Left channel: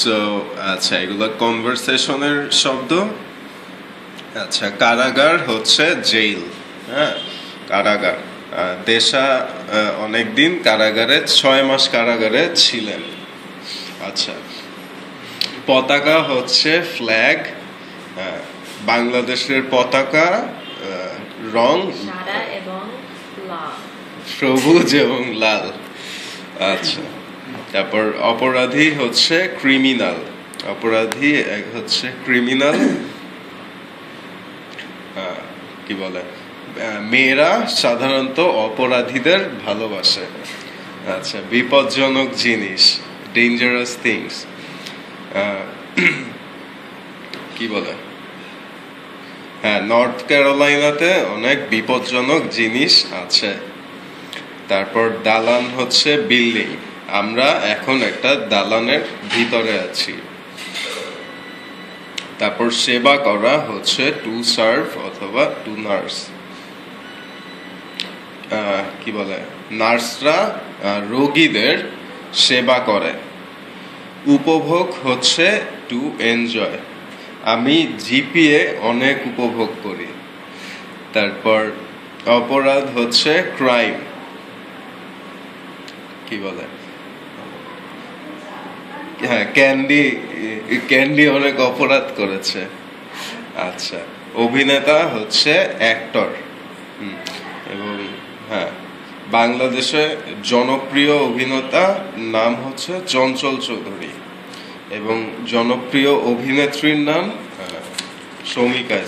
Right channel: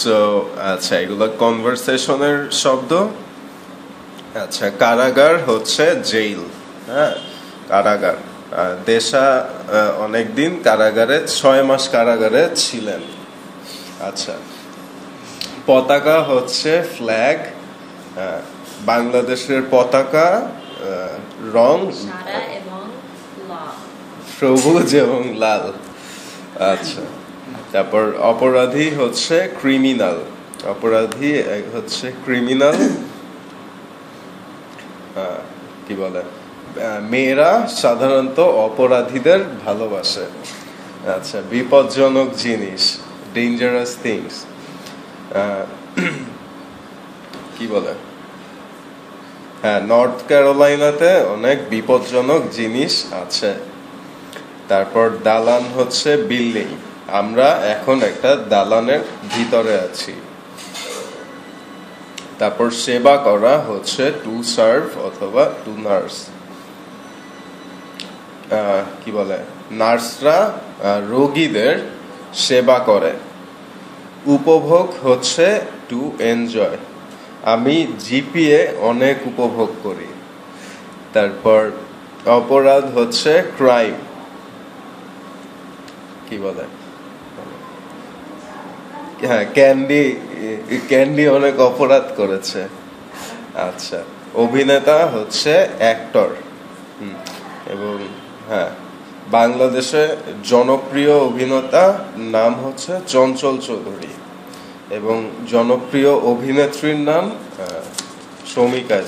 So আচ্ছা, এগুলো কনভারসেশনের শব্দ। আচ্ছা, কারাগার হচ্ছে জেল। হ্যাঁ, কারাগার। দেশা অনেকদিন কারাগারে, 6 মাস কারাগারে ছিলেন। আচ্ছা, পতাকা হচ্ছে ফ্ল্যাগ। বাংলাদেশের পতাকা রং সবুজ এবং লাল। আচ্ছা, তারপর অপরাধী হচ্ছে ক্রিমিনাল। অপরাধী হচ্ছে ক্রিমিনাল। কি বলে, মেয়েরা সাধারণত অপরাধীদের ভালোবাসে। আচ্ছা, বিপজ্জনক জিনিস, ডেঞ্জারাস থিংস। কি বলে, হ্যাঁ, নর্থ ক্যারোলাইনাতে অনেক বিপজ্জনক জিনিস আছে। তারপর দালান হচ্ছে বিল্ডিং। আমরা এখন একটা দালানের ভিতরে আছি। তারপর সেবা করা হচ্ছে টু সার্ভ অথবা টু নার্স। কি বলে, নার্সরা রোগীদের সেবা করে। উপভোগ হচ্ছে টু এনজয়। আমি জিপিএ অনেক উপভোগ করি। তারপর অপরাধ হচ্ছে ক্রাইম। কি বলে, হ্যাঁ, ক্যান্ডি অনেক অপরাধ করেছে। আচ্ছা, অভিনেতা হচ্ছে অ্যাক্টর। এবং হ্যাঁ, বাংলাদেশে জনপ্রিয় অভিনেতা নাম হচ্ছে চঞ্চল চৌধুরী এবং জনপ্রিয় অভিনেত্রীর নাম শৌমিকা।